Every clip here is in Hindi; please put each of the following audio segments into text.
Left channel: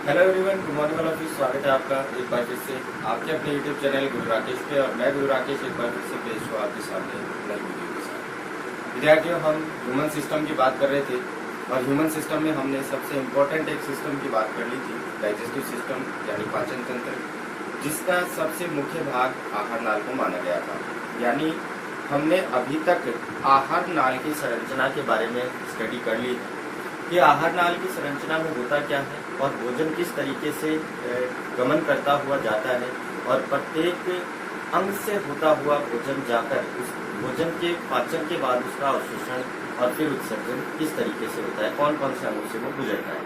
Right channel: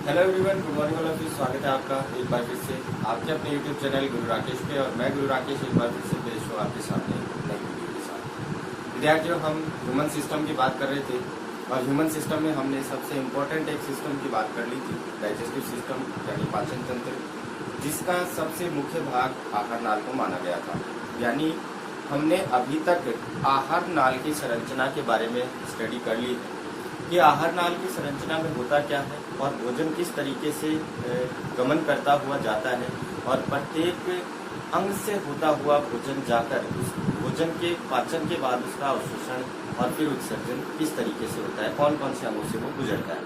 हेलो एवरीवन, गुड मॉर्निंग वाला फिर स्वागत है आपका एक बार फिर से आपके अपने यूट्यूब चैनल गुरु राकेश पे। और मैं गुरु राकेश एक बार फिर से पेश हूँ आपके सामने नई वीडियो के साथ। विद्यार्थियों, हम ह्यूमन सिस्टम की बात कर रहे थे और ह्यूमन सिस्टम में हमने सबसे इम्पोर्टेंट एक सिस्टम की बात कर ली थी, डाइजेस्टिव सिस्टम यानी पाचन तंत्र, जिसका सबसे मुख्य भाग आहार नाल को माना गया था। यानी हमने अभी तक आहार नाल की संरचना के बारे में स्टडी कर ली थी कि आहार नाल की संरचना में होता क्या है और भोजन किस तरीके से गमन करता हुआ जाता है और प्रत्येक अंग से होता हुआ भोजन जाकर उस भोजन के पाचन के बाद उसका अवशोषण और फिर उत्सर्जन किस तरीके से होता है, कौन कौन से अंगों से वो गुजरता है।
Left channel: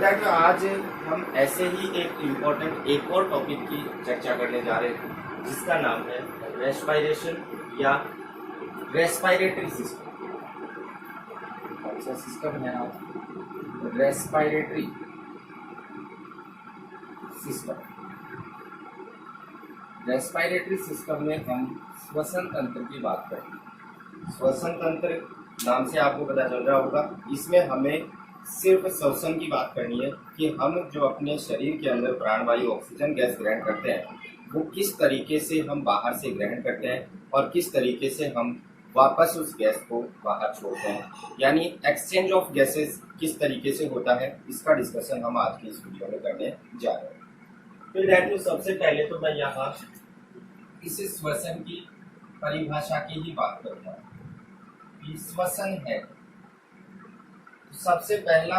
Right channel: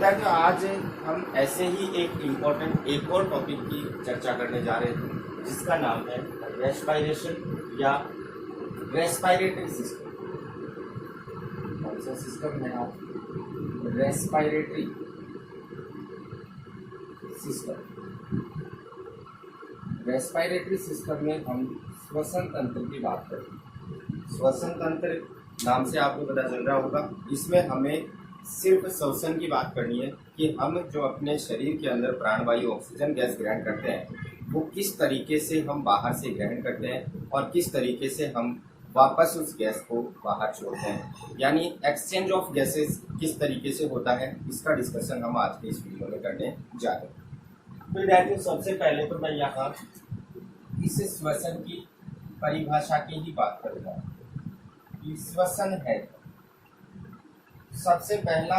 देखिए, आज हम ऐसे ही एक इम्पोर्टेंट एक और टॉपिक की चर्चा करने जा रहे थे, जिसका नाम है रेस्पिरेशन या रेस्पिरेटरी सिस्टम। कौन सा सिस्टम है आप? Respiratory system. रेस्पिरेटरी सिस्टम में हम श्वसन तंत्र की बात करें। श्वसन तंत्र नाम से आपको पता चल रहा होगा, इसमें हमें सिर्फ श्वसन की बात करनी है कि हम जो अपने शरीर के अंदर प्राणवायु ऑक्सीजन गैस ग्रहण करते हैं वो किस तरीके से हम बाहर से ग्रहण करते हैं और किस तरीके से हम वापस उस गैस को बाहर छोड़ते हैं, यानी एक्सचेंज ऑफ गैसेस किस तरीके से होता है, इसका डिस्कशन हम आज के इस वीडियो में करने जा रहे हैं। तो विद्यार्थियों, सबसे पहले तो मैं यहाँ इस श्वसन की परिभाषा की ही बात करूँगा कि श्वसन है। सबसे पहला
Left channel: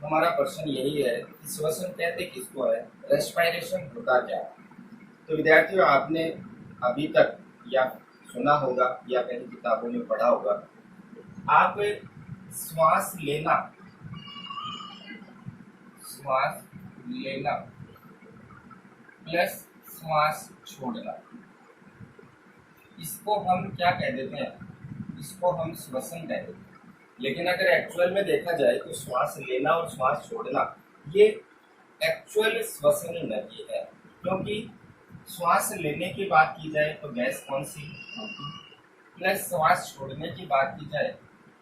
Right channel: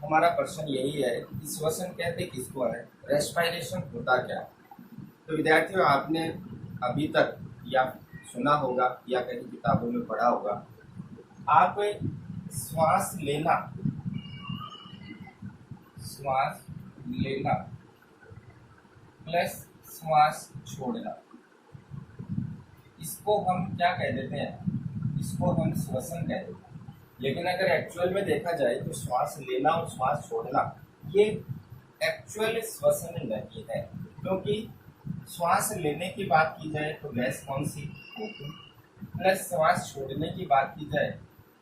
हमारा प्रश्न यही है कि श्वसन कहते किसको है, रेस्पिरेशन होता क्या है। तो विद्यार्थियों, आपने अभी तक या सुना होगा या कहीं किताबों में पढ़ा होगा, आप श्वास लेना प्लस श्वास छोड़ना, इसको हम क्या कह देते हैं, इसको हम श्वसन कह देते हैं। लेकिन अगर एक्चुअल में देखा जाए तो श्वास लेना और श्वास छोड़ना ये एक्चुअल श्वसन नहीं है, क्योंकि श्वास लेने की बात की जाए तो गैस कौन सी, O2, प्लस श्वास छोड़ने की बात की जाए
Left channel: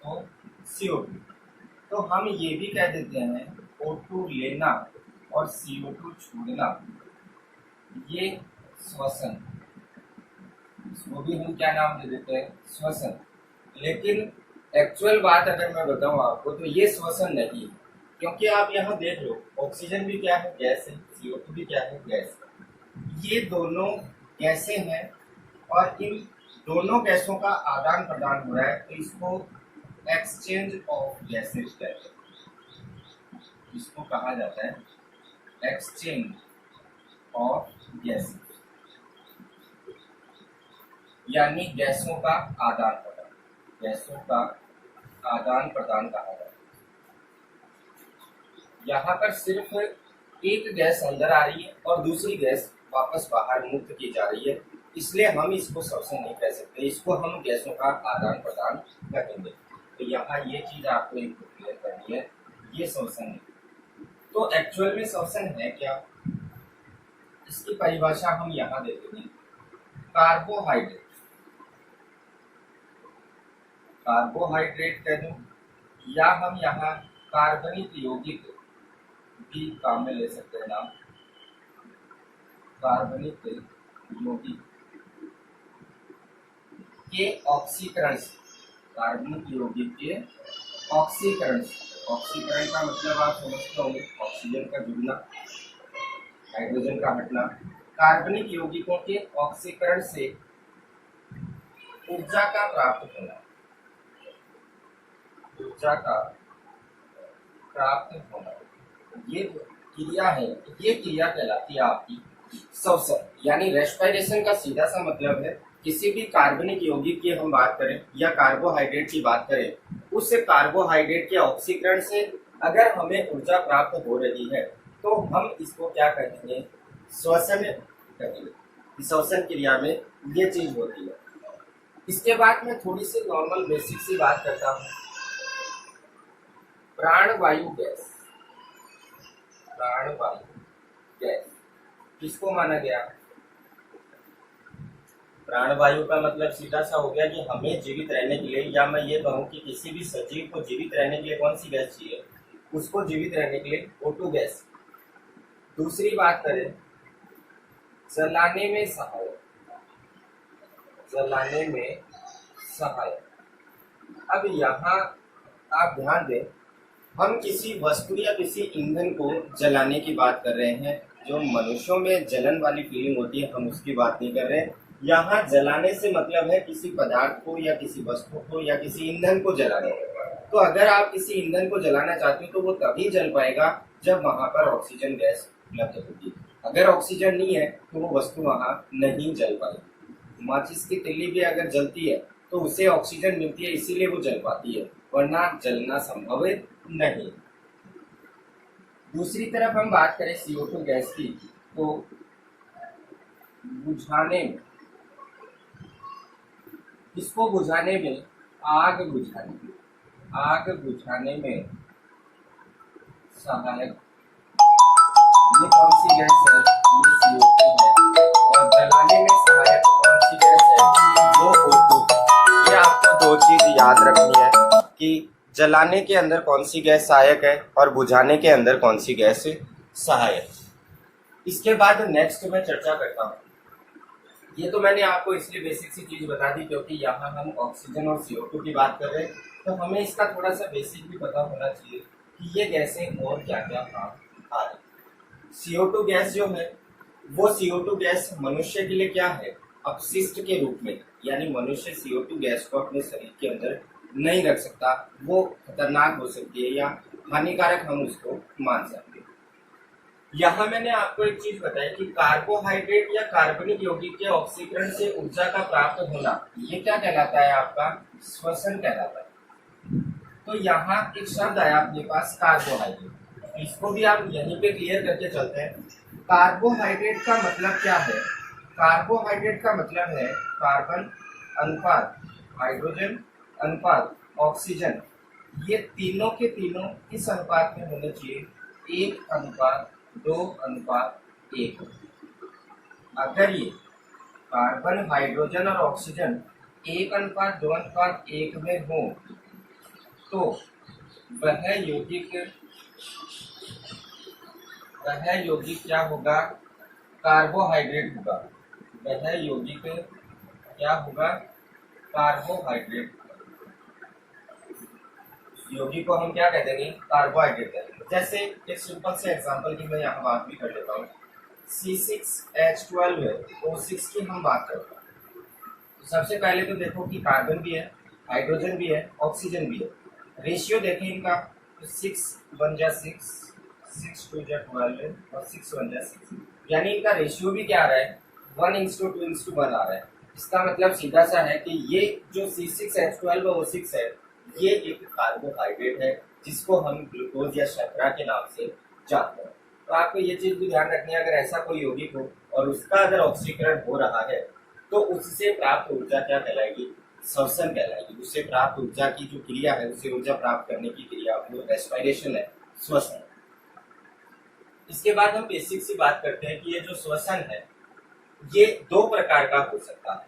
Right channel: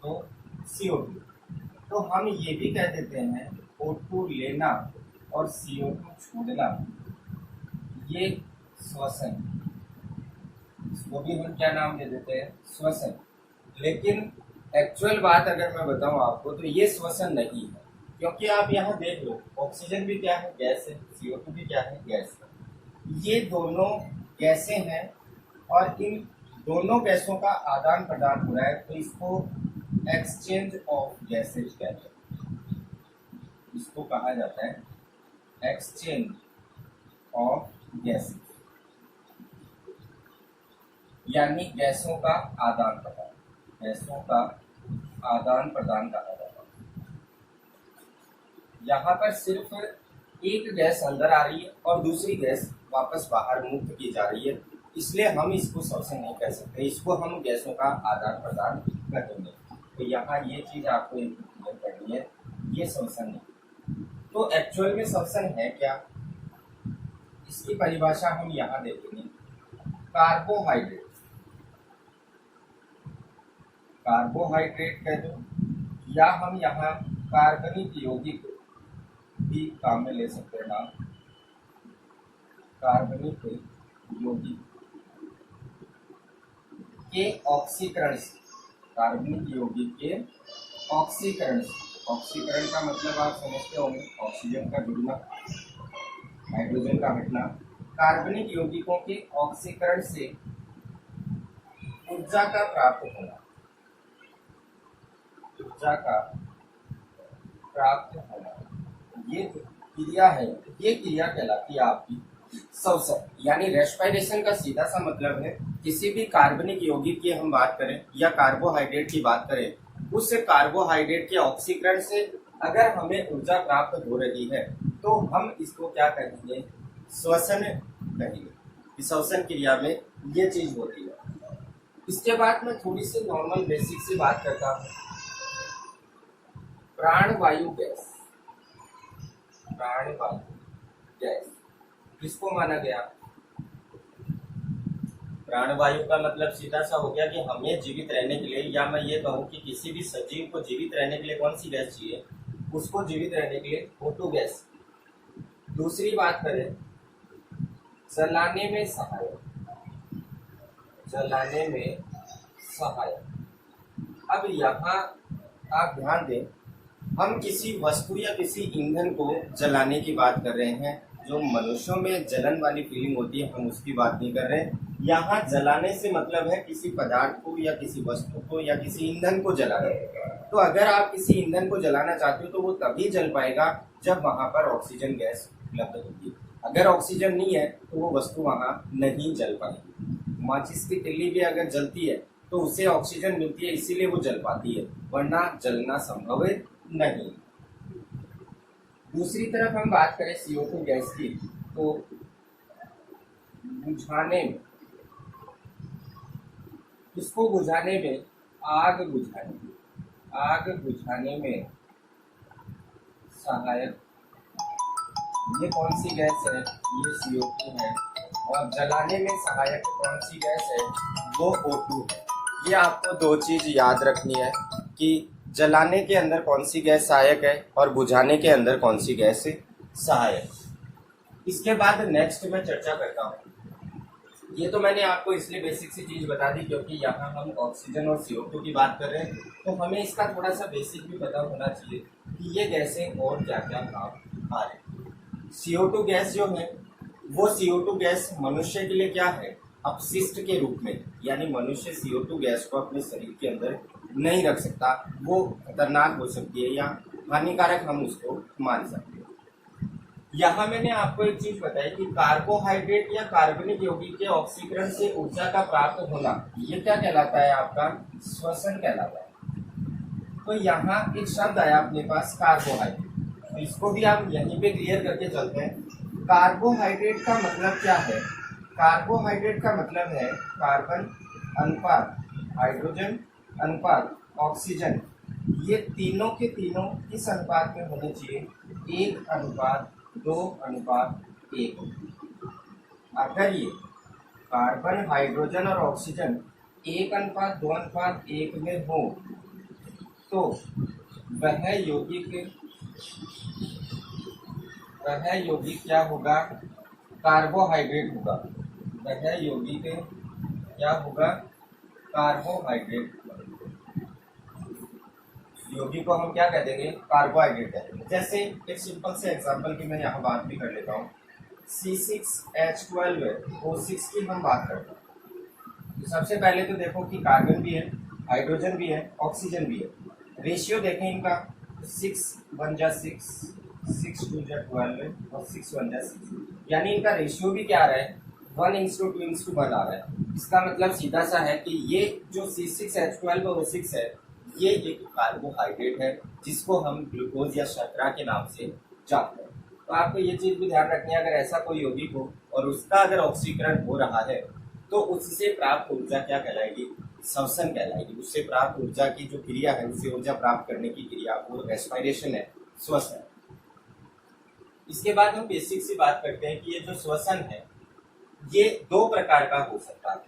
तो CO2। तो हम ये भी कह देते हैं O2 लेना और CO2 छोड़ना ये श्वसन, इसको भी हम क्या नाम दे देते हैं, श्वसन। लेकिन एक्चुअल बात अगर मैं बताऊं आपको तो ये श्वसन नहीं है, क्योंकि आप यहाँ देख लो, ऑक्सीजन भी क्या है, गैस है, CO2 भी क्या है, गैस है। ये दोनों गैसें हैं और इन दोनों गैसों का आदान प्रदान हो रहा है, तो इसको एक्सचेंज ऑफ गैसेज कहते हैं। इसको कहा जाता है एक्सचेंज ऑफ गैसेज, यानी गैसों का आदान प्रदान, गैसों का आदान प्रदान कहा जाता है। यहाँ पर सिर्फ एक गैस अंदर आ रही है और दूसरी गैस वापस बाहर मुक्त की जा रही है, इसलिए हम इसको श्वसन नहीं कह सकते, इसको हम गैसों का आदान प्रदान कहेंगे। तो यहाँ ये चीज आपको क्लियर करनी है, ये श्वसन है। तो एक्चुअल में श्वसन है क्या, इसकी परिभाषा हम यहाँ दे देंगे, कार्बोहाइड्रेट। कार्बोहाइड्रेट कह दो या हम यहाँ कार्बनिक यौगिक भी काम में ले सकते हैं नाम, कार्बनिक यौगिक के ऑक्सीकरण से, कार्बनिक यौगिक के ऑक्सीकरण से। ऑक्सीकरण का मतलब आप समझते होंगे, ऑक्सीजन का जुड़ना, हाइड्रोजन का हटना। कार्बनिक यौगिकों के ऑक्सीकरण से ऊर्जा का प्राप्त होना, ऊर्जा का प्राप्त होना, ये क्रिया है, ये क्रिया कहलाती है आपकी श्वसन। यानी रेस्पिरेशन का सीधा सा मतलब है, किसी भी कार्बनिक यौगिक की हम बात करें या कार्बोहाइड्रेट की बात करें, उस कार्बोहाइड्रेट के ऑक्सीकरण से अगर हमें ऊर्जा प्राप्त हो रही है तो हम इसको क्या कहेंगे, श्वसन कहेंगे। श्वसन क्रिया में ये चीज होती है। इसके बाद मैं थोड़ी सी नॉर्मल बेसिक सी बात करता हूँ। प्राणवायु गैस, प्राणवायु गैस किसको माना गया, प्राणवायु का मतलब सीधा सा हो गया कि हमें जीवित रहने के लिए, या मैं ये कहूँ कि किसी भी सजीव को जीवित रहने के लिए कौन सी गैस चाहिए, उसको जीवित रहने के लिए O2 गैस दूसरी बात करें जलाने में सहायक, जलाने में सहायक। अब यहाँ आप ध्यान दें, हम किसी वस्तु या किसी ईंधन को जलाने की बात कर रहे हैं। जो मनुष्यों में जलन वाली फीलिंग होती है हम उसकी बात नहीं कर रहे हैं। यहाँ जलाने से मतलब है किसी पदार्थ को या किसी वस्तु को या किसी ईंधन को जलाना। तो अगर आप किसी ईंधन को जलाना चाहते हो तो वो तभी जल पाएगा जब वहां पर ऑक्सीजन गैस उपलब्ध होगी। अगर ऑक्सीजन नहीं है तो वो वस्तु वहां नहीं जल पाएगी। माचिस की तिल्ली भी अगर जलती है तो उसे ऑक्सीजन मिलती है, इसीलिए वो जल पाती है, वरना जलना संभव नहीं। दूसरी तरफ हम बात करें CO2 गैस की, तो बुझाने में, इसको बुझाने में, आग बुझाने में सहायक ये कौन सी गैस है? ये CO2 है। और जलाने में सहायक कौन सी गैस है? वो O2। ये आपको दो चीज याद रखनी है कि जलाने के अंदर कौन सी गैस सहायक है और बुझाने के अंदर कौन सी गैस सहायक। इसके बाद नेक्स्ट मैं चर्चा करता हूँ। ये तो मैंने आपको इसलिए बेसिक सी चीज बता दी क्योंकि यहाँ हम ऑक्सीजन और CO2 की बात कर रहे हैं, तो हमें इसका थोड़ा सा बेसिक भी पता होना चाहिए कि ये गैसें और क्या क्या काम आ रहे हैं। CO2 गैस जो है वो CO2 गैस मनुष्य के लिए क्या है? अपशिष्ट के रूप में, यानी मनुष्य CO2 गैस को अपने शरीर के अंदर नहीं रख सकता, वो खतरनाक हो सकती है या हानिकारक हम उसको मान सकते हैं। यहाँ मैंने आपको एक चीज बताई कि कार्बोहाइड्रेट या कार्बनिक यौगिक के ऑक्सीकरण से ऊर्जा का प्राप्त होना, ये क्या कहलाता है? आपका श्वसन कहलाता है। तो यहाँ एक शब्द आया अपने पास कार्बोहाइड्रेट, इसको भी आप यहीं पे क्लियर करके चलते हैं। कार्बोहाइड्रेट का मतलब क्या है? कार्बोहाइड्रेट का मतलब है कार्बन अनुपात हाइड्रोजन अनुपात ऑक्सीजन, ये तीनों के तीनों इस अनुपात में होने चाहिए 1:2:1। अगर ये कार्बन हाइड्रोजन और ऑक्सीजन 1:2:1 में हो तो वह यौगिक क्या होगा? कार्बोहाइड्रेट होगा। वह यौगिक क्या होगा? कार्बोहाइड्रेट। यौगिक को हम क्या कह देंगे? कार्बोहाइड्रेट कह देंगे। जैसे एक सिंपल से एग्जांपल की मैं यहाँ बात भी कर लेता हूँ। C6H12 O6 की हम बात करते हैं। तो सबसे पहले तो देखो कि कार्बन भी है, हाइड्रोजन भी है, ऑक्सीजन भी है। रेशियो देखें इनका, तो 6:1 6:2 और 6:1 यानी इनका रेशियो भी क्या आ रहा है? 1:2:1 आ रहा है। इसका मतलब सीधा सा है कि ये जो C6H12 और O6 है ये एक कार्बोहाइड्रेट है जिसको हम ग्लूकोज या शर्करा के नाम से जानते हैं। तो आपको ये चीज भी ध्यान रखनी है, अगर ऐसा कोई यौगिक हो और उसका अगर ऑक्सीकरण हो रहा है तो उससे प्राप्त ऊर्जा क्या कहलाएगी? श्वसन कहलाएगी। उससे प्राप्त ऊर्जा की जो क्रिया है, उससे ऊर्जा प्राप्त करने की क्रिया वो रेस्पिरेशन है, श्वसन। इसके बाद हम बेसिक सी बात करते हैं कि ये जो श्वसन है ये दो प्रकार का हो सकता है।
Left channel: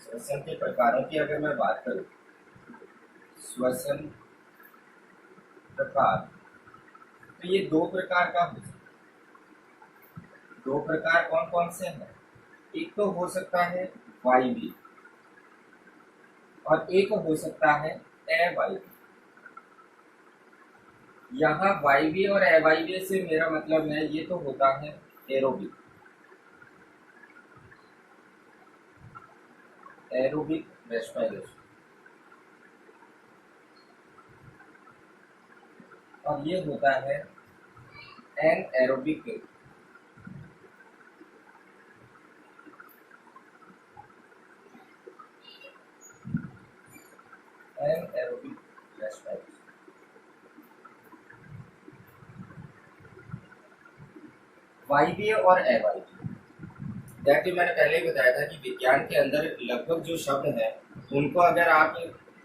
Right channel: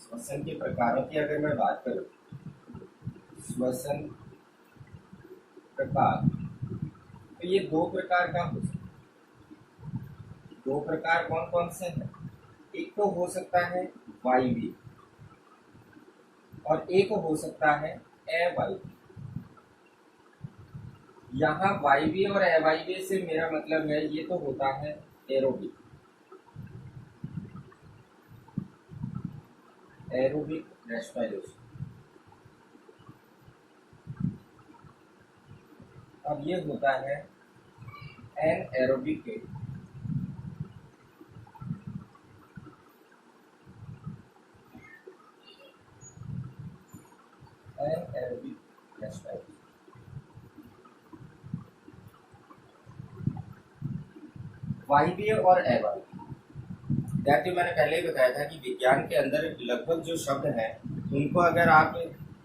श्वसन के प्रकारों की अगर मैं बात करूं, श्वसन प्रकार, तो ये दो प्रकार का हो सकता है। दो प्रकार कौन कौन से हैं? एक तो हो सकता है वायवीय और एक हो सकता है अवायवीय। यहाँ वायवीय और अवायवीय से मेरा मतलब है ये तो होता है एरोबिक, एरोबिक रेस्पिरेशन, और ये होता है एनएरोबिक रेस्पिरेशन। वायवीय और अवायवीय, दैट मैंने पहले ही बताया था कि विज्ञान के अंदर लगभग जो शब्द हैं उनको अगर आप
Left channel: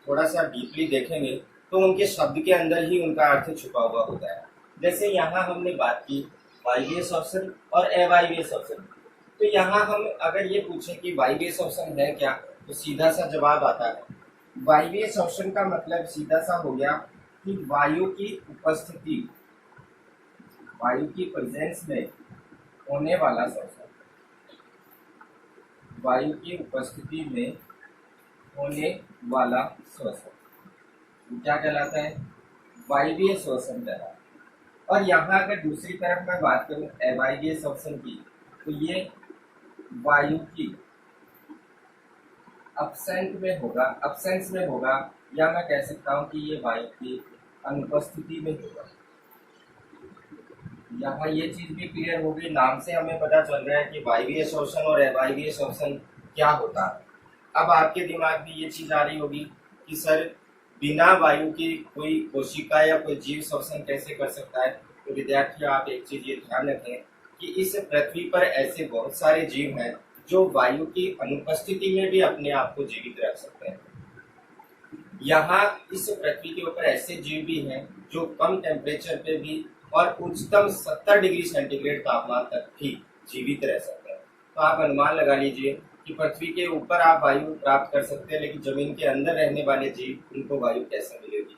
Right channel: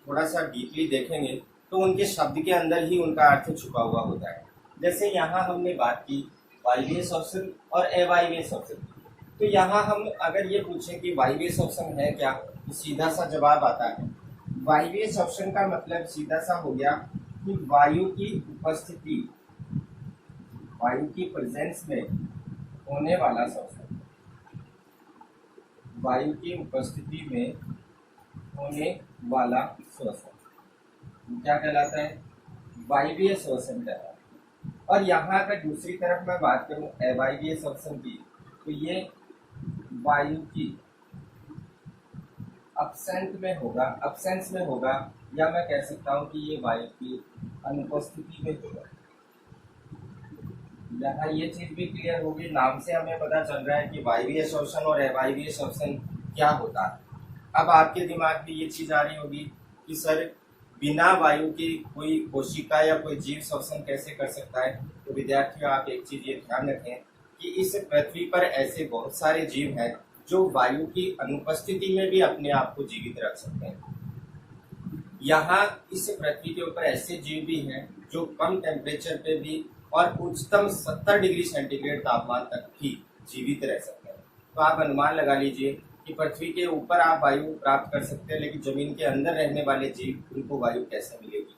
थोड़ा सा डीपली देखेंगे तो उनके शब्द के अंदर ही उनका अर्थ छुपा हुआ होता है। जैसे यहाँ हमने बात की वायवीय श्वसन और अवायवीय श्वसन, तो यहाँ हम अगर ये पूछें कि वायवीय श्वसन है क्या, तो सीधा सा जवाब आता है वायवीय श्वसन का मतलब सीधा सा हो गया कि वायु की उपस्थिति वायु की प्रेजेंस में होने वाला श्वसन, वायु की उपस्थिति में होने वाला श्वसन क्या कहलाता है? वायवीय श्वसन कहलाता है। और यहाँ अगर दूसरी तरफ मैं बात करूं अवायवीय श्वसन की, तो ये वायु की अब्सेंस में होगा, या मैं कह सकता हूं कि ये वायु की अनुपस्थिति में होगा। यहाँ ये चीज भी क्लियर होगी, नाम से हमें पता चल रहा है कि वायवीय श्वसन और अवायवीय श्वसन क्या होता है। अब आपके दिमाग में ये चीज आ रही होगी कि सर बिना वायु की कोई कोशिका या कोई जीव श्वसन कैसे कर सकता है? तो विद्यार्थियों, आप एक चीज ये ध्यान रखें कि इस पृथ्वी पर ऐसे बहुत सारे जीव हैं जो वायु की अनुपस्थिति में भी अपने आप को जीवित रख सकते हैं। यहाँ इस पृथ्वी के ऊपर ऐसे जीव भी हैं जो कम टेम्परेचर पे भी और उच्चतम 70 डिग्री सेंटीग्रेड तापमान तक भी जीवित रह सकते हैं। तो आप अनुमान लगा लीजिए कि पृथ्वी के ऊपर आप वायु प्राप्त कर सकते हैं, लेकिन जमीन के अंदर रहने वाले जीव, उनको वायु कैसे मिलेगी?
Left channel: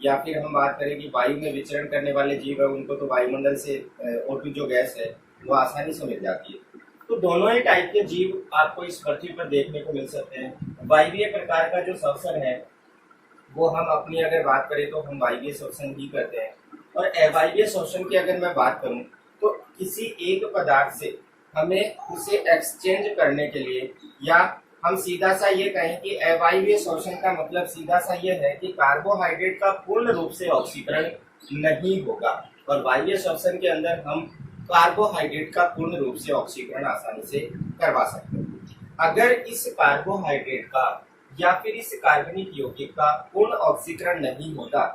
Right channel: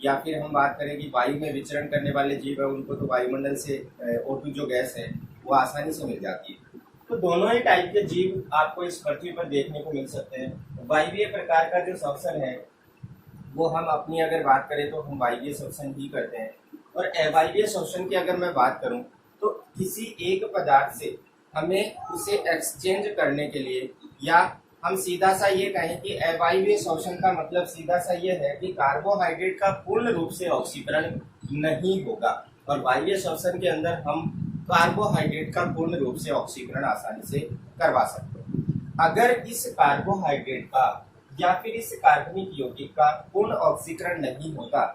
या फिर हम बात करें कि वायु में विचरण करने वाले जीव है, उनको तो वायुमंडल से O2 जो गैस है वो आसानी से मिल जाती है। तो दोनों ही टाइप के जीव आपको इस पृथ्वी पर देखने को मिल सकते हैं। वायवीय प्रकार का जो श्वसन है वो हम अपनी अगर बात करें तो हम वायवीय श्वसन ही करते हैं। और अवायवीय श्वसन की अगर मैं बात करूं तो किसी एक पदार्थ से हमें उसे एक्सचेंज करने के लिए, या हम सीधा सा ये कहें कि अवायवीय श्वसन का मतलब सीधा सा ये है कि कार्बोहाइड्रेट का पूर्ण रूप से ऑक्सीकरण नहीं होगा, और वायवीय श्वसन के अंदर हम कार्बोहाइड्रेट का पूर्ण रूप से ऑक्सीकरण आसानी से करवा सकते हैं। अगर इस कार्बोहाइड्रेट का या फिर इस कार्बनिक यौगिक का पूर्ण ऑक्सीकरण नहीं होता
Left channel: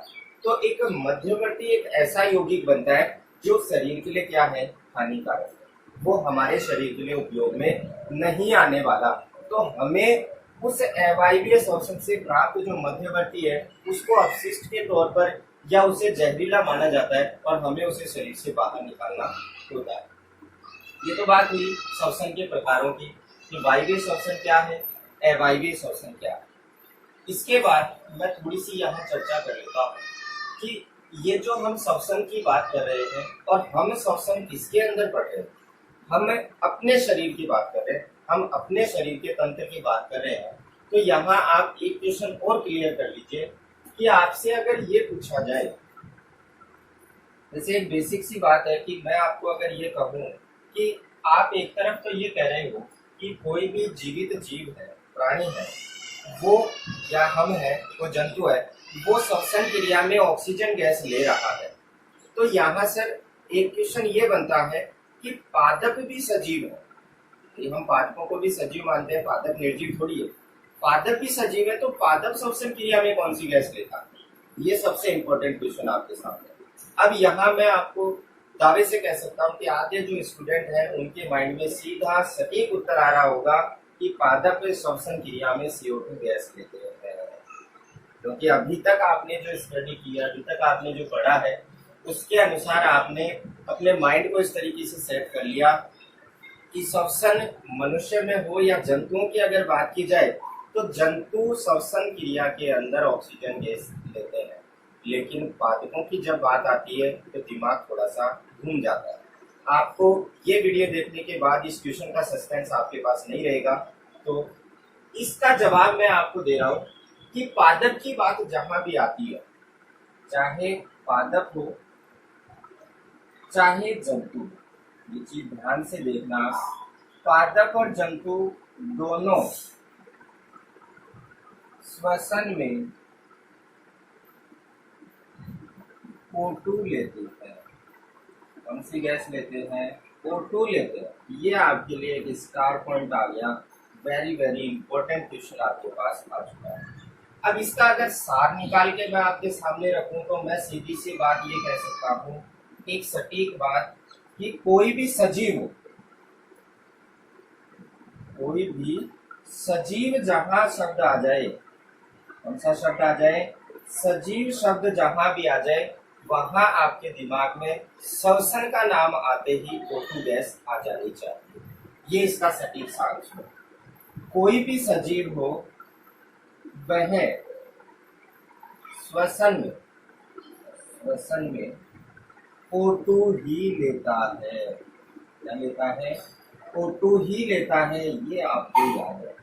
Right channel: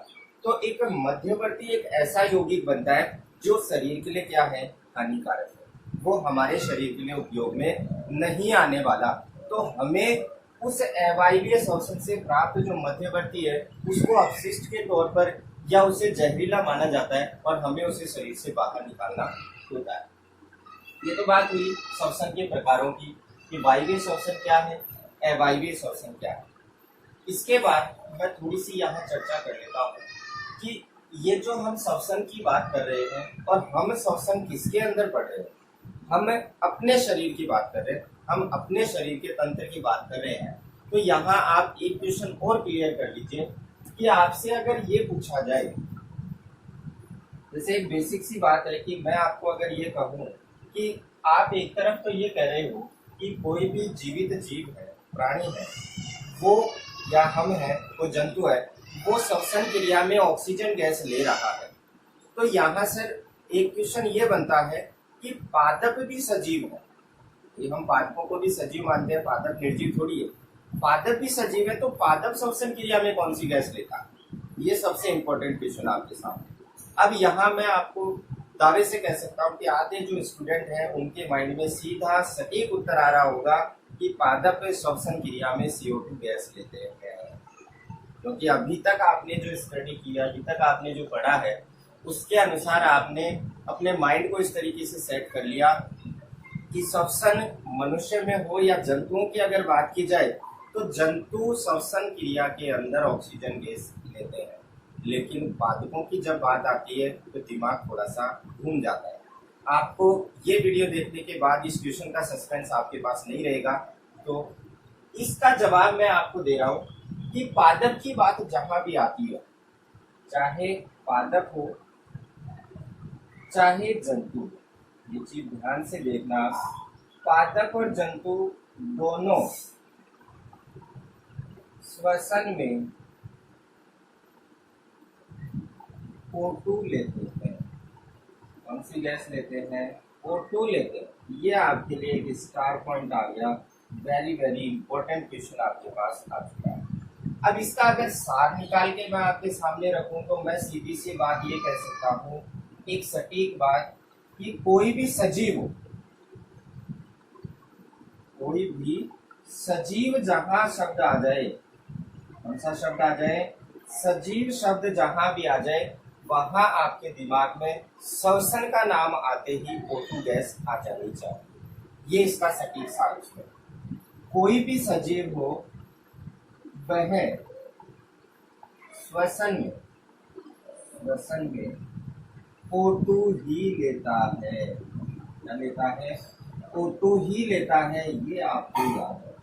तो एक मध्यवर्ती एक ऐसा यौगिक बनता है जो शरीर के लिए क्या है? हानिकारक है, वो हमारे शरीर के लिए उपयोग में नहीं आने वाला। तो हमें उस अवायवीय श्वसन से प्राप्त जो मध्यवर्ती है उसको अपशिष्ट के तौर पर या उसे जहरीला माना जाता है और हमें उसे शरीर से बाहर निकालना होता है। ये तो बात हुई श्वसन के प्रकारों की कि वायवीय श्वसन क्या है, अवायवीय श्वसन क्या है। इसके बाद मैं थोड़ी सी यहाँ चर्चा कर लेता हूँ कि ये जो हम श्वसन की बात कर रहे हैं और हम श्वसन किसके अंदर पढ़ रहे हैं? हम अपने शरीर की बात कर रहे हैं, हम अपने शरीर के तंत्र की बात कर रहे हैं। तो यहाँ आप एक क्वेश्चन और क्लियर कर लीजिए कि आपसे अगर ये पूछा जाए, जैसे एक बेसिक सी बात है कि मैं आपको अगर ये कहूँ कि आप एक तरफ तो ये कह रहे हो कि कोई भी जीवित जीव है, प्राणी है, वो या हम है, वो जंतु है, वो श्वसन क्रिया में ऑक्सीजन गैस ले रहा है। तो यहाँ सर एक क्वेश्चन ये बनता है कि पादप भी सजीव है, हम पादपों को भी सजीव मानते हैं, पादप निर्जीव थोड़ी है। पादप भी सजीव है तो पादप श्वसन क्रिया में कौन सी गैस लेता है? ये सबसे इंपॉर्टेंट क्वेश्चन आपके सामने। अब यहाँ मैं आपको दावे से कह सकता हूँ कि आधे जो स्टूडेंट हैं उनके माइंड में सीधा सटीक उत्तर आ रहा होगा कि पादप श्वसन क्रिया में CO2 गैस लेते हैं, क्योंकि अभी तक आपने जो स्टडी किया, अभी तक आपने जो पढ़ा है उसके अनुसार आपने अपने माइंड को इस तरीके से सेट कर लिया कि श्वसन मनुष्य में हो या जंतुओं की अगर बात की जाए तो जंतु श्वसन क्रिया के अंदर ऑक्सीजन गैस लेते हैं, लेकिन पादपों की जब बात आती है तो दिमाग थोड़ा सा घूम जाता है। आपको ये वीडियो देखने के बाद इस क्वेश्चन का सस्पेंस आपके पास नहीं रहेगा, तो इसका जवाब मैं आपको दे रहा हूँ कि पादप की बात जहां भी आती है, चाहे पादप हो चाहे जंतु, ये चीज ध्यान से देखना, पादप और जंतु दोनों श्वसन में O2 लेते हैं। कौन सी गैस लेते हैं? O2 लेते हैं। ये आपके लिए एक स्टार पॉइंट आ गया, वेरी वेरी इंपॉर्टेंट क्वेश्चन आपके पास आ चुका है। अब इसका अगर सार निकाल के मैं आपके सामने रखूं तो मैं सीधी सी बात ये कह सकता हूं, एक सटीक बात, कि कोई भी सजीव हो, कोई भी सजीव जहां शब्द आ जाए, कौन सा शब्द आ जाए? सजीव शब्द जहां भी आ जाए वहां आपके दिमाग में श्वसन का नाम आते ही O2 गैस आ जानी चाहिए। ये इसका सटीक सार है। कोई भी सजीव हो वह श्वसन में O2 ही लेता है। क्या लेता है? O2 ही लेता है, ये आपको याद है।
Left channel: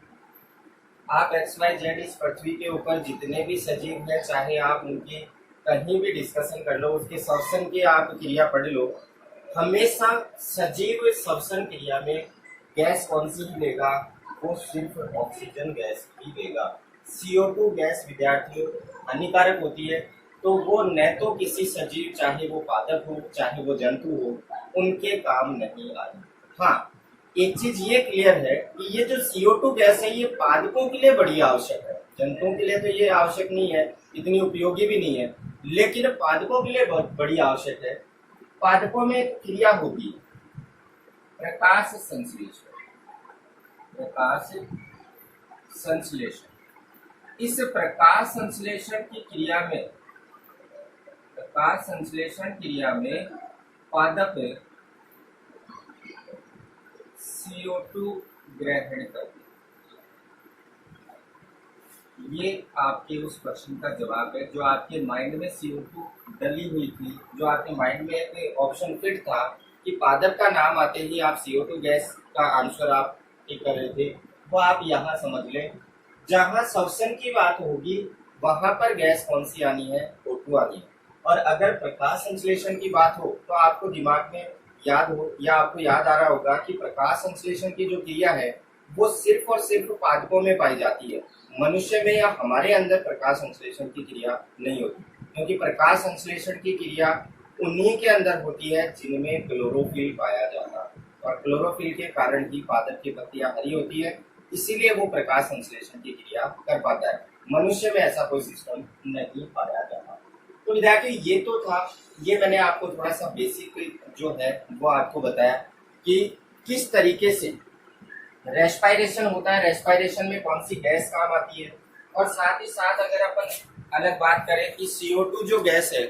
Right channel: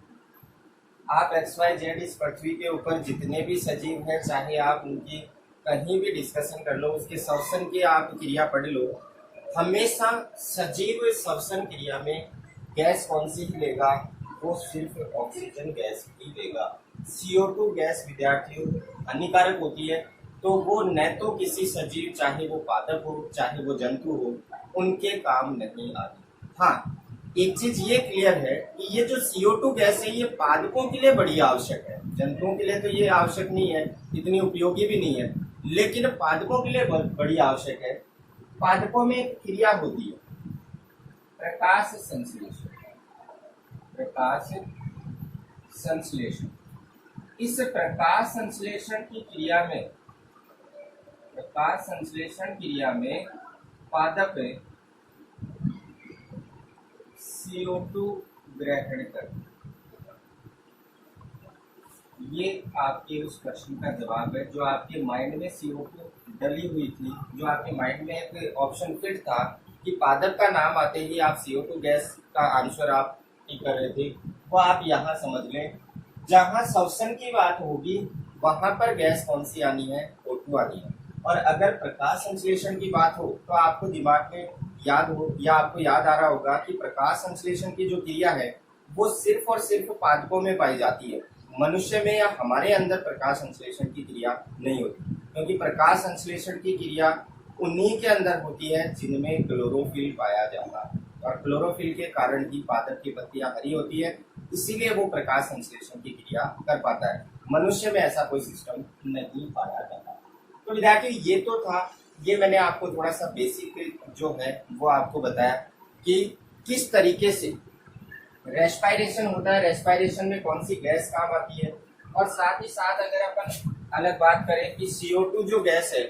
आप XYZ इस पृथ्वी के ऊपर जितने भी सजीव हैं, चाहे आप उनकी कहीं भी डिस्कशन कर लो, उसके श्वसन की आप क्रिया पढ़ लो, हमेशा सजीव श्वसन क्रिया में गैस कौन सी ही लेगा? वो सिर्फ ऑक्सीजन गैस ही लेगा। CO2 गैस विद्यार्थियों हानिकारक होती है, तो वो न तो किसी सजीव, चाहे वो पादप हो चाहे वो जंतु हो, उनके काम नहीं आती। हाँ, एक चीज ये क्लियर है कि ये जो CO2 गैस है ये पादपों के लिए बड़ी आवश्यक है। जंतुओं के लिए तो ये आवश्यक नहीं है, इतनी उपयोगी भी नहीं है, लेकिन पादपों के लिए बहुत बड़ी आवश्यक है। पादपों में क्रिया होती है प्रकाश संश्लेषण। प्रकाश संश्लेषण, इस प्रकाश संश्लेषण की क्रिया में, प्रकाश संश्लेषण क्रिया में पादप CO2 ग्रहण करते। ये आपके उस प्रश्न का जवाब है जो आपके माइंड में CO2 डली हुई थी, जो आपके माइंड में एक ऑप्शन फिट था कि पादप का नाम आते ही आप CO2 गैस का आंसर आप टिक कर रहे थे, वो आप यहाँ समझ लें। जहाँ श्वसन की बात होगी वहां पर गैस कौन सी आनी है? O2 आनी है। और अगर प्रकाश संश्लेषण की बात हो तो आपको दिमाग में याद हो या आपको याद आ रहा होगा कि प्रकाश संश्लेषण की जो क्रिया है वो सिर्फ और सिर्फ पादपों में पाई जाती है। मनुष्य में या हमारे अंदर प्रकाश संश्लेषण की क्रिया नहीं होती, क्योंकि प्रकाश संश्लेषण की क्रिया उन्हीं के अंदर होती है जिनमें क्लोरोफिल पाया जाता है, और क्लोरोफिल के कारण ही पादप की पत्तियां हरी होती है, इसीलिए वो प्रकाश संश्लेषण की क्रिया कर पाता है। मनुष्य में ऐसा कोई सिस्टम नहीं पाया जाता। तो विद्यार्थी ये तो था, ये मैंने आपको थोड़ा सा बेसिक जो है वो आपको बताया कि किस तरीके से रेस्पायरेशन होता है, रेस्पायरेशन में कौन सी गैस काम आती है। और साथ ही साथ अगर अपन अलग बात करें कि CO2 जो गैस है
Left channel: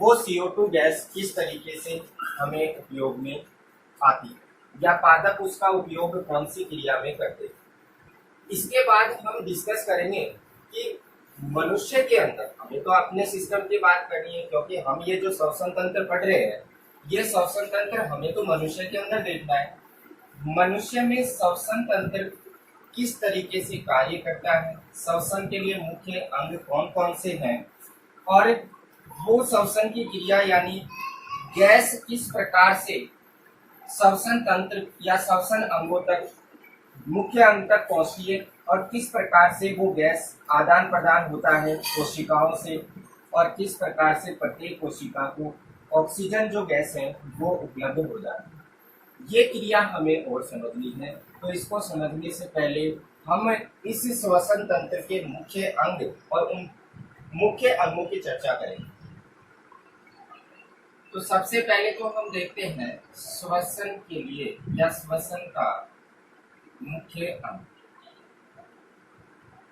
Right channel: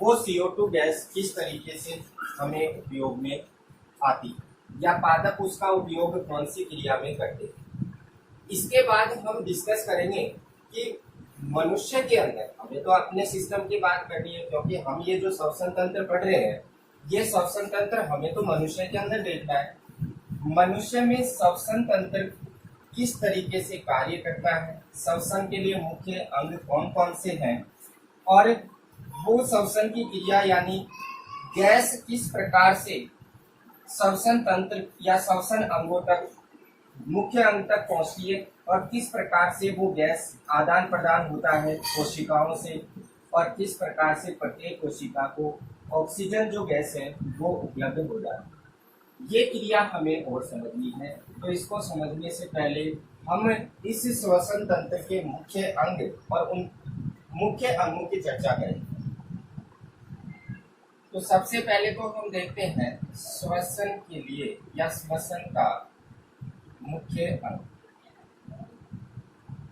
वो CO2 गैस किस तरीके से हमें उपयोग में आती है या पादप उसका उपयोग कौन सी क्रिया में करते हैं। इसके बाद हम डिस्कस करेंगे कि मनुष्य के अंदर, हमें तो अपने सिस्टम की बात करनी है क्योंकि हम ये जो श्वसन तंत्र पढ़ रहे हैं ये श्वसन तंत्र हमें तो मनुष्य के अंदर देखना है। मनुष्य में श्वसन तंत्र किस तरीके से कार्य करता है, श्वसन के लिए मुख्य अंग कौन कौन से हैं, और वो श्वसन की क्रिया यानी गैस किस प्रकार से श्वसन तंत्र या श्वसन अंगों तक, मुख्य अंग तक पहुंचती है, और किस प्रकार से वो गैस आदान प्रदान होता है कोशिकाओं से, और किस प्रकार से प्रत्येक कोशिका को ऑक्सीजन जो गैस है वो उपलब्ध हो जाती है। ये क्रिया हमें और समझनी है। तो इसको समझने से पहले हम इस श्वसन तंत्र के मुख्य अंग और उन मुख्य अंगों की चर्चा करेंगे। तो सबसे पहले तो हम देखते हैं श्वसन के लिए या श्वसन का मुख्य अंग।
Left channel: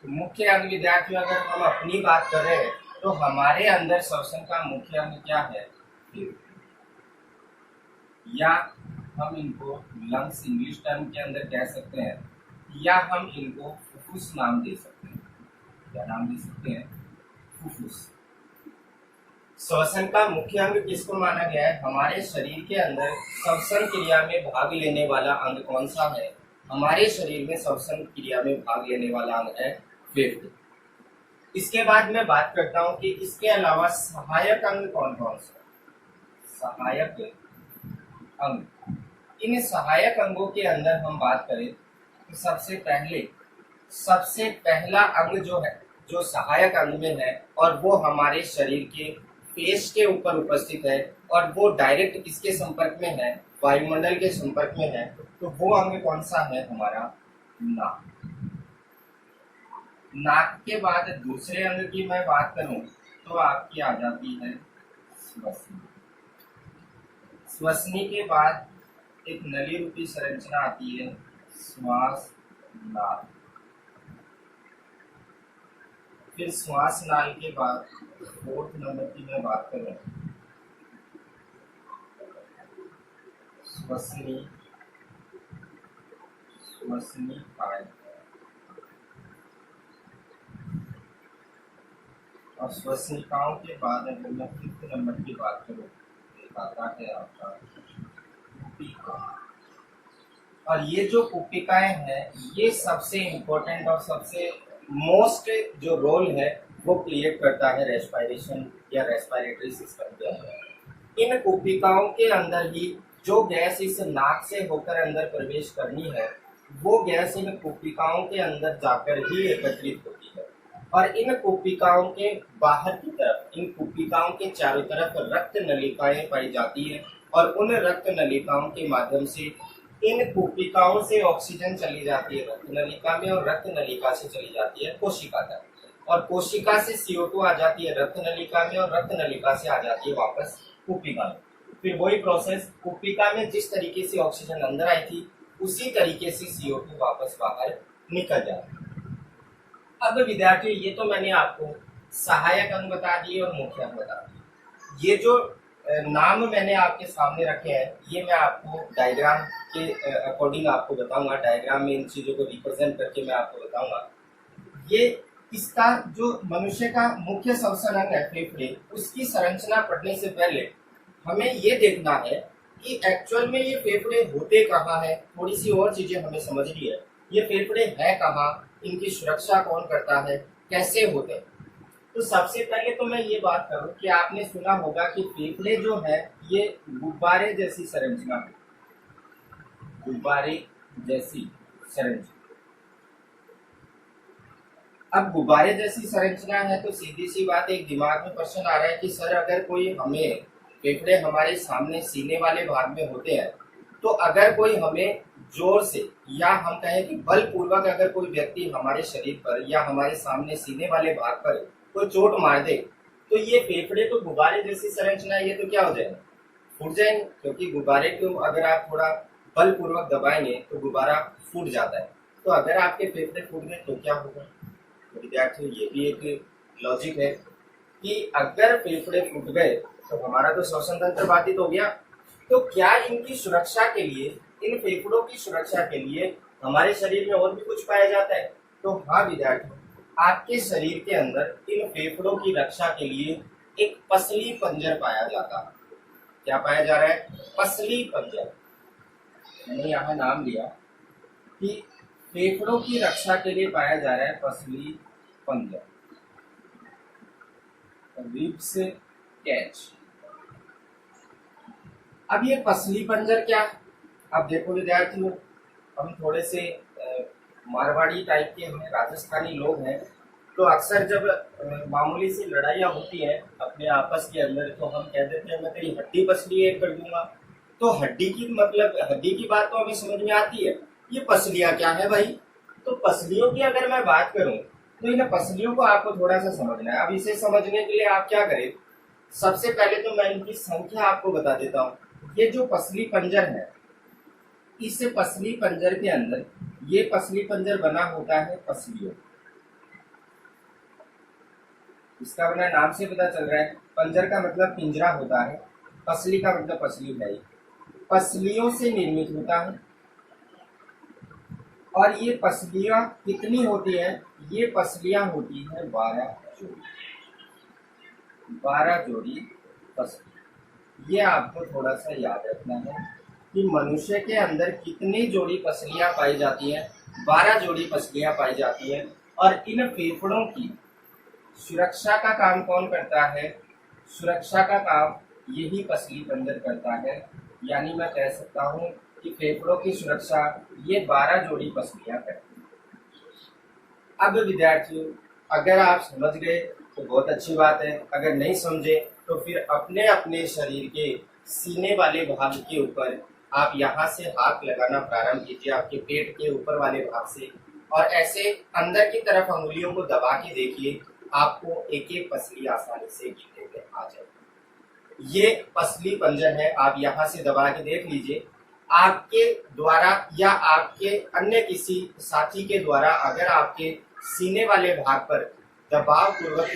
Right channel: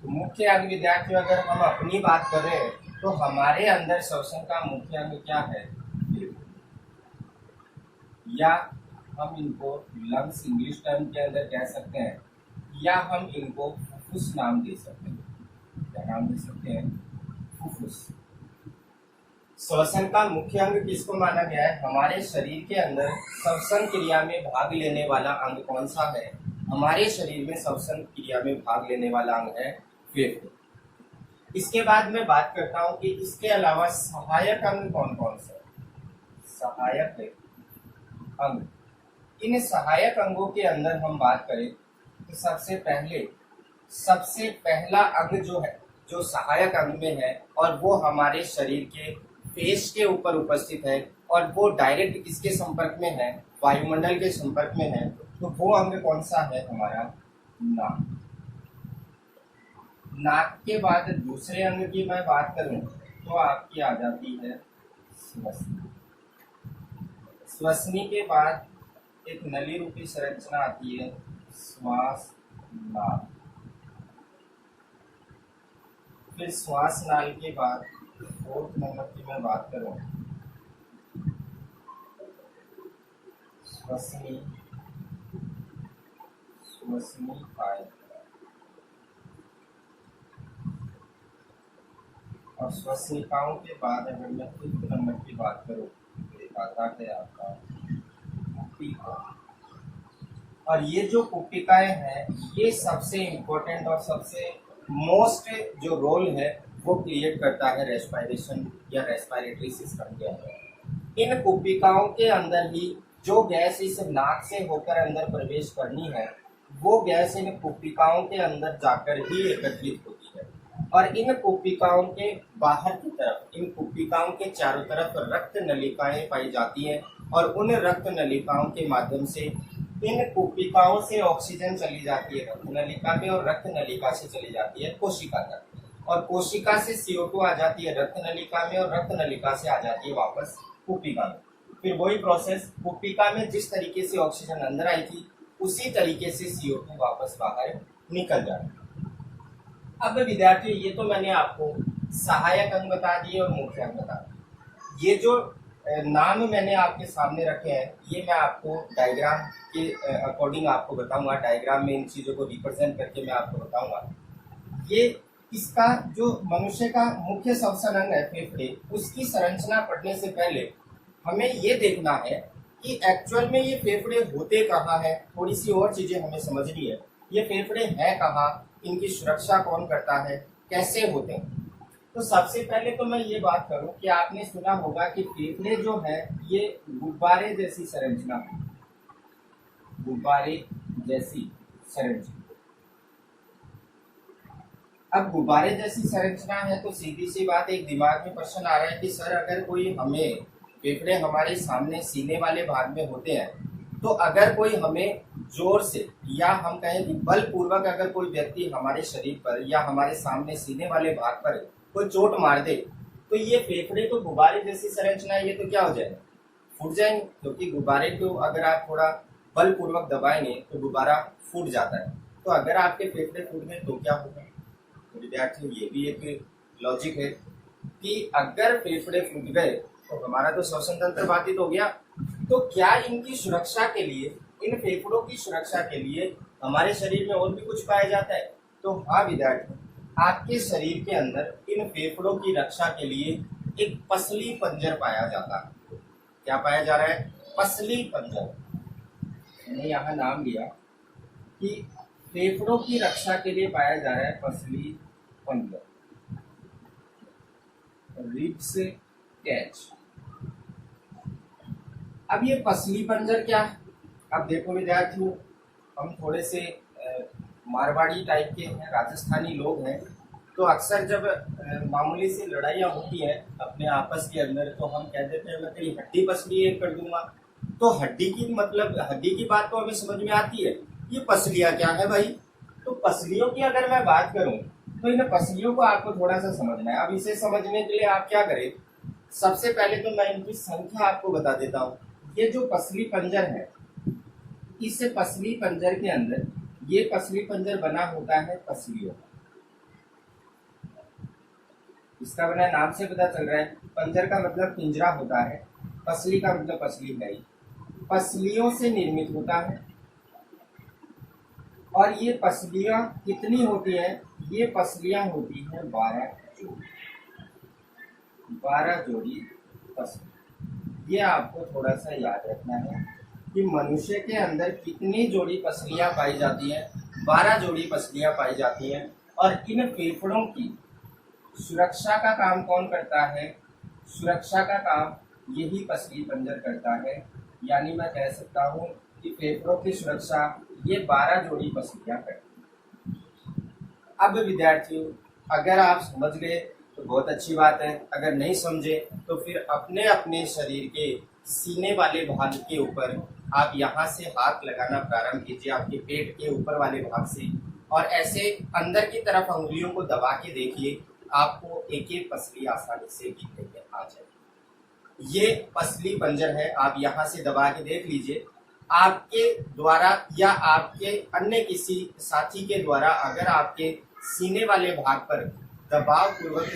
तो मुख्य अंग विद्यार्थियों अगर हम अपनी बात करें तो हमारे अंदर श्वसन का मुख्य अंग क्या है? या हम इनको लंग्स इंग्लिश टर्म के अंदर कह सकते हैं, या हम इनको फुफ्फुस नाम दे सकते हैं। क्या नाम दे सकते हैं? फुफ्फुस। श्वसन का मुख्य अंग किसको माना गया है? हमारे शरीर के अंदर श्वसन क्रिया में भाग लेने वाला अंग कौन सा है? हमारे शरीर में श्वसन क्रिया में भाग लेने वाला अंग है फेफड़े। इसके बाद मैं बात करता हूं कि इसके अलावा सहायक अंग कौन कौन से? सहायक अंग, इन सहायक अंगों के अंदर हम बात करें तो सबसे पहला अंग जो है, जो सहायक अंग में है, और वो हमारे शरीर के पेश के ऊपर उपस्थित है, और वो डायरेक्ट किसके संपर्क में है? वायुमंडल के संपर्क में है। तो वो अंग कौन सा है? हमारा नाक। नाक के बाद दूसरे अंग की मैं बात करूं तो आपकी आ जाती है श्वसनी। श्वसनी के बाद एक नली रूपी संरचना आती है श्वास नाल। फिर श्वास नाल के बाद फोर्थ नंबर की मैं बात करूं श्वसनी काय, और श्वसनिकाओं के बाद अगर मैं फिफ्थ नंबर की बात करूं आता है आपका कुपिका। और ये जो कुपिकाएं हैं ये सबसे इम्पोर्टेंट और सबसे मोस्ट जो रोल है वो क्रिएट करता है रेस्पिरेशन या रेस्पिरेटरी सिस्टम के अंदर। इन कुपिकाओं के अंदर ही जो गैस इस नाक से होकर अंदर प्रवेश करनी है वो गैस इन कुपिकाओं के अंदर जाकर ही एकत्रित होती है। और इन कुपिकाओं के बाहर की तरफ, इन कुपिकाओं के चारों तरफ रक्त नलिकाएं पाई जाती हैं और उन रक्त नलिकाओं के माध्यम से इन कुपिकाओं से ऑक्सीजन चली जाती है रक्त नलिका में और रक्त नलिका से चली जाती है कोशिका तक और कोशिका से CO2 आ जाती है रक्त नलिका में और रक्त नलिका से आ जाती है वापस कुपिका में। फिर वही प्रोसेस, कुपिका में जिस तरीके से ऑक्सीजन अंदर आई थी उसी तरीके से CO2 वापस बाहर निकल जाता है। अब विद्यार्थियों ये तो मैंने आपको सहायक अंग बता दिए और मुख्य अंग बता दिए। ये जो नाम मैंने आपके सामने रखे हैं ये मैं आपको डायग्राम के अकॉर्डिंग आपको बताऊंगा। डायग्राम में इन चीज़ों को रिप्रेजेंट करके मैं आपको बताऊंगा। ये इसका जो मनुष्य का मुख्य श्वसन अंग है फेफड़े, उसकी संरचना पढ़ने से पहले हमें ये देखना है कि एक्चुअल में ये फेफड़े होते कहाँ है। थोड़ी सी और चीजें हमें समझनी है। ये फेफड़े हैं कहाँ, इनकी सुरक्षा कौन करता है, कैसे होते हैं। तो सबसे पहले तो मैं ये बात करूं कि आपने सुना होगा कि फेफड़े जो है ये गुब्बारे जैसी संरचना, गुब्बारे जैसी संरचना। अब गुब्बारे जैसी संरचना है तो सीधी सी बात एक दिमाग में प्रश्न आ रहा है कि सर अगर कोई हमें, फेफड़े हमारे सामने सीने वाले भाग में होते हैं, तो अगर कोई हमें जोर से या हम कहें कि बलपूर्वक अगर कोई व्यक्ति हमारे शरीर पर या हमारे सामने सीने वाले भाग पर कोई चोट मार दे तो ये फेफड़े तो गुब्बारे जैसी संरचना है, ये तो क्या हो जाएगा, फूट जाएंगे। क्योंकि गुब्बारे को अगर आप थोड़ा बलपूर्वक दबाएंगे तो गुब्बारा फूट जाता है। तो अगर आपके फेफड़े फूट गए तो क्या होगा। तो विद्यार्थियों ये भी एक लॉजिक है कि अगर फेफड़े फूट गए तो हमारा तो श्वसन तंत्र बाधित हो गया। तो क्या इनकी सुरक्षा के लिए, इन फेफड़ों की सुरक्षा के लिए हमारे शरीर में और भी कुछ पाया जाता है। तो हाँ विद्यार्थियों, आपके शरीर के अंदर इन फेफड़ों की रक्षा के लिए एक पसली पंजर पाया जाता है। क्या पाया जा रहा है, पसली पंजर। मैंने यहाँ नाम लिया कि फेफड़ों की रक्षा के लिए पाया जा रहा है पसली पंजर, रिब्स कैच। अब ये पसली पंजर क्या है। अब देखो विद्यार्थियों, हम थोड़े से मारवाड़ी टाइप के हैं, राजस्थानी लोग हैं, तो अक्सर जब मामूली सी लड़ाइयाँ होती हैं अपने आपस के अंदर तो हम कह देते हैं मैं तेरी हड्डी पसली एक कर दूंगा। तो हड्डी की मतलब, हड्डी की बात तो हमें समझ में आती है, ये पसलियाँ क्या है भाई। तो पसलियों की अगर मैं बात करूं तो इन पसलियों को आपको थोड़ा सा समझना है। अब इसे समझने के लिए आप क्या करें, सबसे पहले तो मैं इनकी संख्या आपको बता देता हूँ। ये जो पसली पंजर है, इस पसली पंजर के अंदर, ये पसली पंजर बना होता है पसलियों, इसका बना नाम से पता चल रहा है। पंजर का मतलब पिंजरा होता है, पसली का मतलब पसली है, पसलियों से निर्मित होता है। और ये पसलियां कितनी होती हैं, ये पसलियां होती हैं 12 जोड़ी, 12 जोड़ी पसली। ये आपको थोड़ा सा याद रखना है कि मनुष्य के अंदर कितनी जोड़ी पसलियां पाई जाती हैं, 12 जोड़ी पसलियां पाई जाती हैं। और इन फेफड़ों की सुरक्षा का काम कौन करता है, सुरक्षा का काम यही पसली पंजर करता है। यानी मैं कह सकता हूँ कि फेफड़ों की सुरक्षा ये 12 जोड़ी पसलियां करती हैं। अब विद्यार्थियों, अगर आप समझ गए तो बहुत अच्छी बात है, अगर नहीं समझे तो फिर अपने अपने शरीर के सीने वाले भाग के ऊपर आप यहाँ से हाथ लगाना प्रारंभ कीजिए, आपके पेट के ऊपर वाले भाग से, और ऐसे अंदर की तरफ अंगुलियों को दबा के देखिए, आपको एक एक पसली आसानी से गिनने में आ जाएगी। ये पसली पंजर है, आप यहाँ से दबा के देख लीजिए। आपके द्वारा या आपके अन्य किसी साथी के द्वारा अगर आपके सीने वाले भाग पर दबाव पूर्वक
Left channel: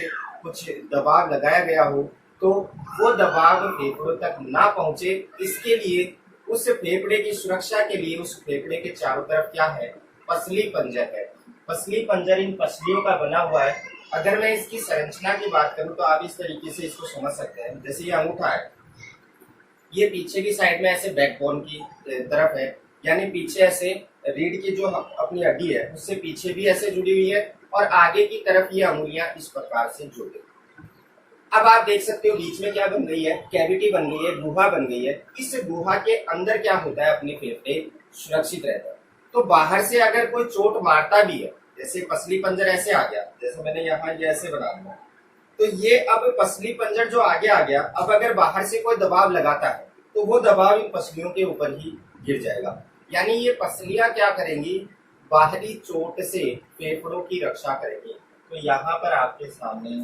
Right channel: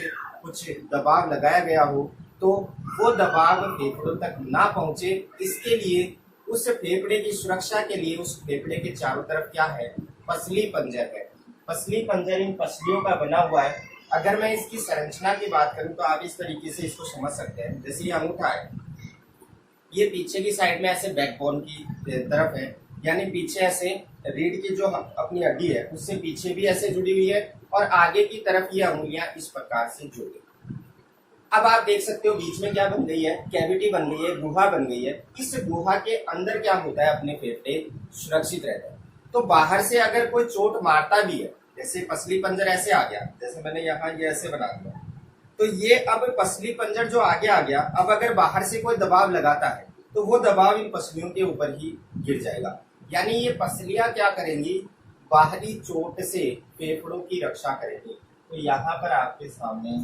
कुछ दबाव लगाया गया हो तो वो दबाव फेफड़ों तक ना पहुंचे, इसके लिए उस फेफड़े की सुरक्षा के लिए उस फेफड़े के चारों तरफ क्या है, पसली पंजर है। पसली पंजर इन पसलियों का बना हुआ है। अगर मैं इसकी संरचना की बात करूं तो आप इस तरीके से इसको समझ सकते हैं। जैसे ये अंगूठा है, ये पीछे की साइड में ऐसे बैकबोन की तरफ है, यानी पीछे ऐसे रीढ़ की जो अपनी हड्डी है उससे पीछे भी ऐसे जुड़ी हुई है और आगे की तरफ ये अंगुलियां इस प्रकार से जुड़ी। अब आप देख सकते हो बीच में क्या बन गई है, कैविटी बन गई है, गुहा बन गई है। इस गुहा के अंदर क्या होता है, अपने फेफड़े सुरक्षित रहते हैं। तो बाहर से अगर कोई चोट मारता भी है, जैसे पसली पंजर ऐसे आ गया, जैसे मैंने यहाँ ये ऐसे बना दिया, तो ये अब पसली पंजर जो आगे आ गया, अब अगर बाहर से कोई दबाव लगाता है तो वो दबाव इन पसलियों के ऊपर ही गिर जाएगा। यानी ये पसलियां क्या करेंगी, बाहरी चोट से फेफड़ों की रक्षा करेंगी। तो यहाँ पर आपके सामने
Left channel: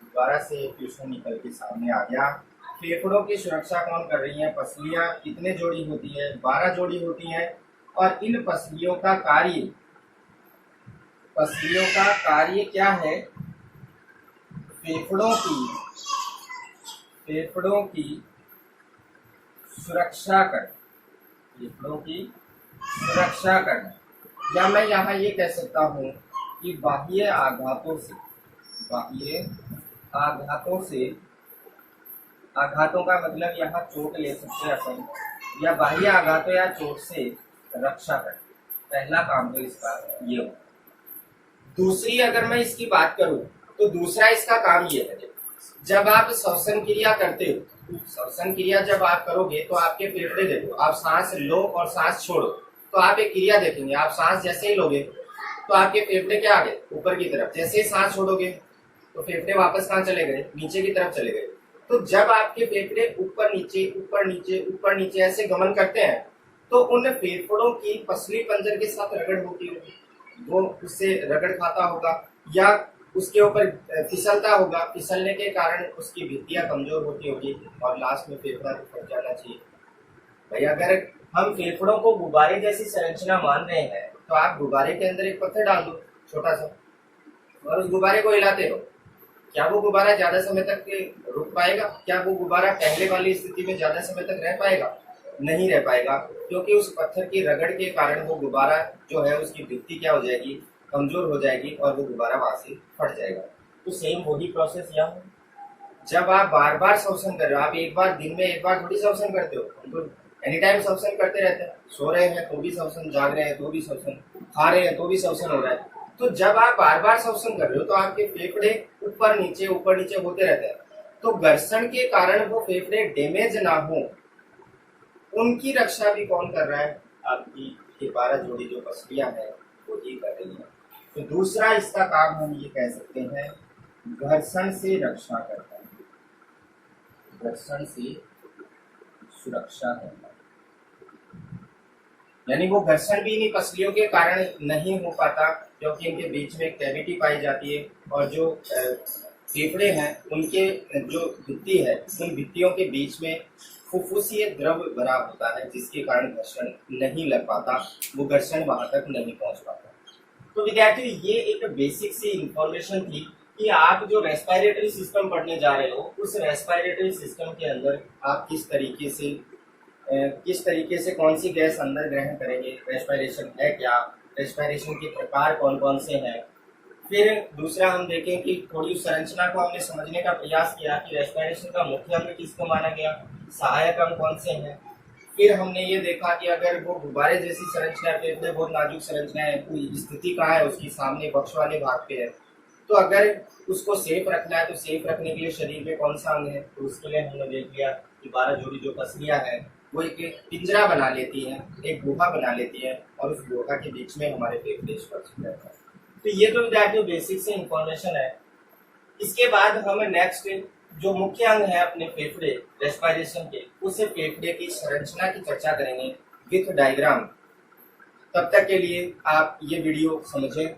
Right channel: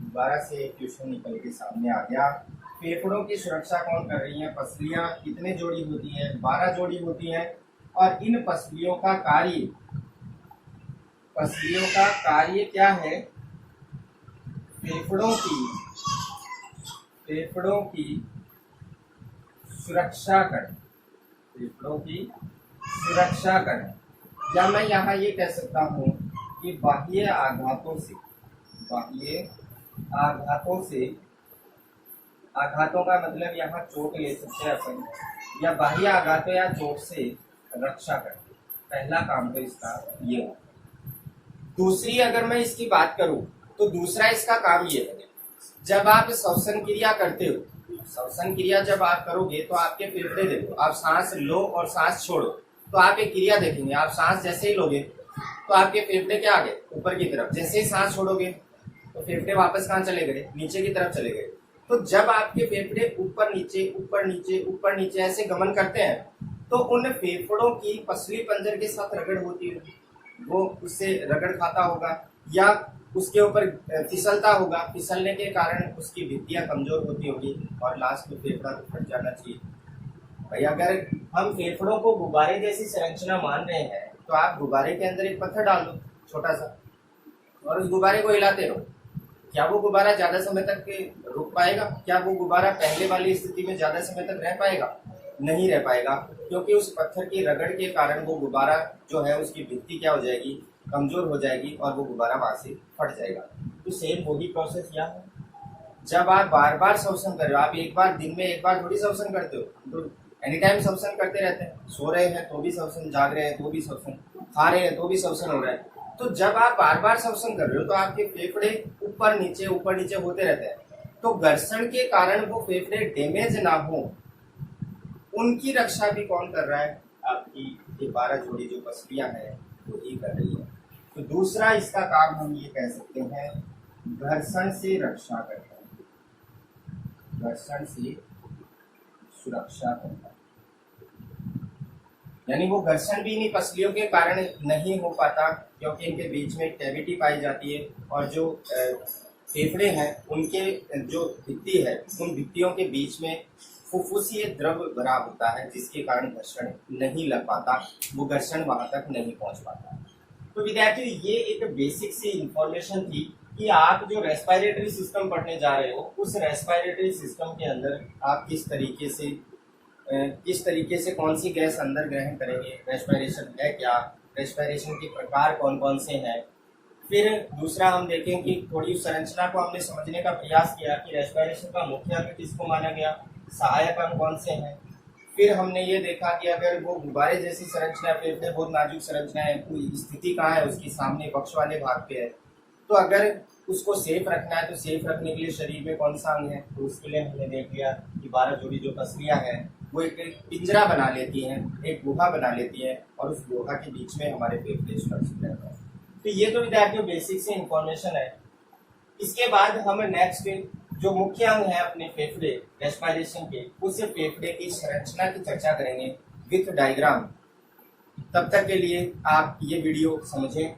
दोबारा से क्वेश्चन निकल के सामने आ गया। फेफड़ों की सुरक्षा कौन कर रही है, पसलियां कितने जोड़ी होती हैं, 12 जोड़ी होती हैं। और इन पसलियों का कार्य क्या है, फेफड़ों की सुरक्षा करें, फेफड़ों की सुरक्षा करें। या मैं यहाँ ये कह सकता हूँ कि बाह्य आघातों का मतलब यहाँ चोट ले सकते हैं अपन, या बाह्य आघातों या चोट से रक्षा करें। पहला काम तो इसका ये हो। दूसरी अगर मैं इसकी बात करूं तो दूसरा इसका काम ये है, जब आप श्वसन क्रिया करते हो, श्वसन क्रिया जब आप करोगे तो आपके फेफड़े देखो, आप सांस लो और सांस छोड़ो तो आप एक क्रिया देखेंगे। आप सांस जैसे ही लोगे तो आपके फेफड़े क्या आ गए, ऊपर की तरफ। जैसे ही सांस छोड़ोगे तो फेफड़े वापस कहाँ चले गए, नीचे की तरफ चले गए। तो जब आपके फेफड़े ऊपर नीचे ऐसे गमन करते हैं तो उन फेफड़ों की पसली पंजर के साथ रगड़ होती होगी, वो उससे रगड़ खाता होगा या उसके ऊपर फिसलता होगा। फिसलने के कारण उसकी भित्तियां कमजोर होती होगी और लास्ट में फेफड़ा फट जाना चाहिए। भाई अगर हम फेफड़ों को गुब्बारे जैसी संरचना मान रहे हैं तो आप गुब्बारे के अंदर एक पत्थर डाल दो छोटा सा और उस गुब्बारे को हिलाते रहो। क्या वो गुब्बारा ज्यादा समय तक रुक पाएगा? क्या वो गुब्बारा पहले वाली स्थिति में ज्यादा समय तक रह पाएगा? नहीं रह पाएगा, क्योंकि उस पत्थर की रगड़ के कारण वो गुब्बारा जो है उसकी भित्ति क्या हो जाएगी, कमजोर हो जाएगी और वो गुब्बारा वहां से फट जाएगा। तो सेम वही प्रोसेस यहाँ है। जब आप बार बार श्वसन कर रहे हो, आप एक बार दिन में एक बार थोड़ी श्वसन करते हो, तो एनी टाइम श्वसन करते रहते हैं। सो रहे हैं तो भी श्वसन, जाग रहे हैं तो भी श्वसन, खा रहे हैं तो भी श्वसन हो रहा है। तो जब आप बार बार श्वसन कर रहे हो तो आपके फेफड़े ऊपर नीचे होते रहते हैं। तो घर्षण के कारण वो फेफड़े डैमेज ना हो, उनकी रक्षा भी कौन कर रहा है, आपकी ये 12 जोड़ी जो पसलियां हैं वो ही कर रही है। तो दूसरा इसका काम हम ये कह सकते हैं, घर्षण से रक्षा करता है, घर्षण से सुरक्षा करता है। यानी वो घर्षण भी इन्हीं पसलियों के कारण नहीं हो पाता, क्योंकि इनके बीच में कैविटी पाई जाती है और जो फेफड़े हैं उनके जो भित्ति है उन भित्तियों के बीच में फुफ्फुसीय द्रव भरा होता है, जिसके कारण घर्षण नहीं लग पाता, वो घर्षण वहां तक नहीं पहुंच पाता। तो विद्यार्थियों ये एक बेसिक सी इंफॉर्मेशन थी कि आप जो रेस्पिरेटरी सिस्टम पढ़ने जा रहे हो उस रेस्पिरेटरी सिस्टम के अंदर आप किस तरीके से कौन सी गैस अंदर ग्रहण करेंगे, रेस्पिरेशन है क्या, रेस्पिरेशन के प्रकार कौन कौन से हैं। फिर दूसरा हम देखें कि थोड़ी संरचना को हमने समझने का प्रयास किया कि रेस्पिरेशन का मुख्य अंग किसको माना गया, सहायक अंग कौन से हैं। फिर हमने ये देखा कि अगर वो गुब्बारे जैसी संरचना है, फेफड़े बहुत नाजुक संरचना है, कोई स्थिति कहाँ है उसकी, सामने पक्ष वाले भाग पे है, तो अगर उसको सेफ रखना है तो सेफ रखने के लिए शरीर में कौन सा अंग है, तो उसके लिए हमने देख लिया कि 12 जोड़ी जो पसलियां हैं वो एक पिंजरा बना लेती हैं, एक गुहा बना लेती हैं और उस गुहा के बीच में हमारे फेफड़े सुरक्षित रहते हैं। तो ये तो विद्यार्थियों बेसिक से इंफॉर्मेशन है। इसके बाद हम नेक्स्ट जो मुख्य अंग है अपने फेफड़े रेस्पिरेशन के, उस फेफड़े की संरचना की चर्चा करेंगे विथ डायग्राम। तब तक के लिए आप ये वीडियो समझें,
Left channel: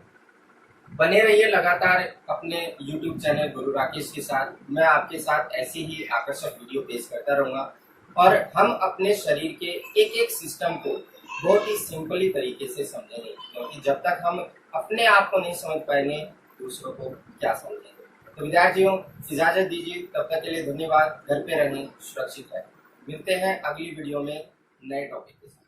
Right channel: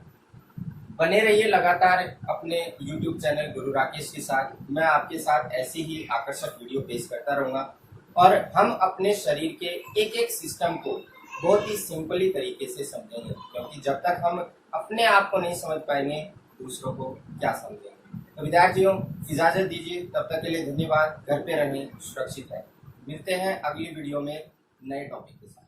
बने रहिए लगातार अपने YouTube चैनल गुरु राकेश के साथ। मैं आपके साथ ऐसी ही आकर्षक वीडियो पेश करता रहूँगा और हम अपने शरीर के एक एक सिस्टम को बहुत ही सिंपली तरीके से समझेंगे, क्योंकि जब तक हम अपने आप को नहीं समझ पाएंगे दूसरों को क्या समझेंगे। तो विद्यार्थियों इजाजत दीजिए, तब तक के लिए धन्यवाद। घर पे रहें, सुरक्षित रहें। मिलते हैं अगली वीडियो में नए टॉपिक के साथ।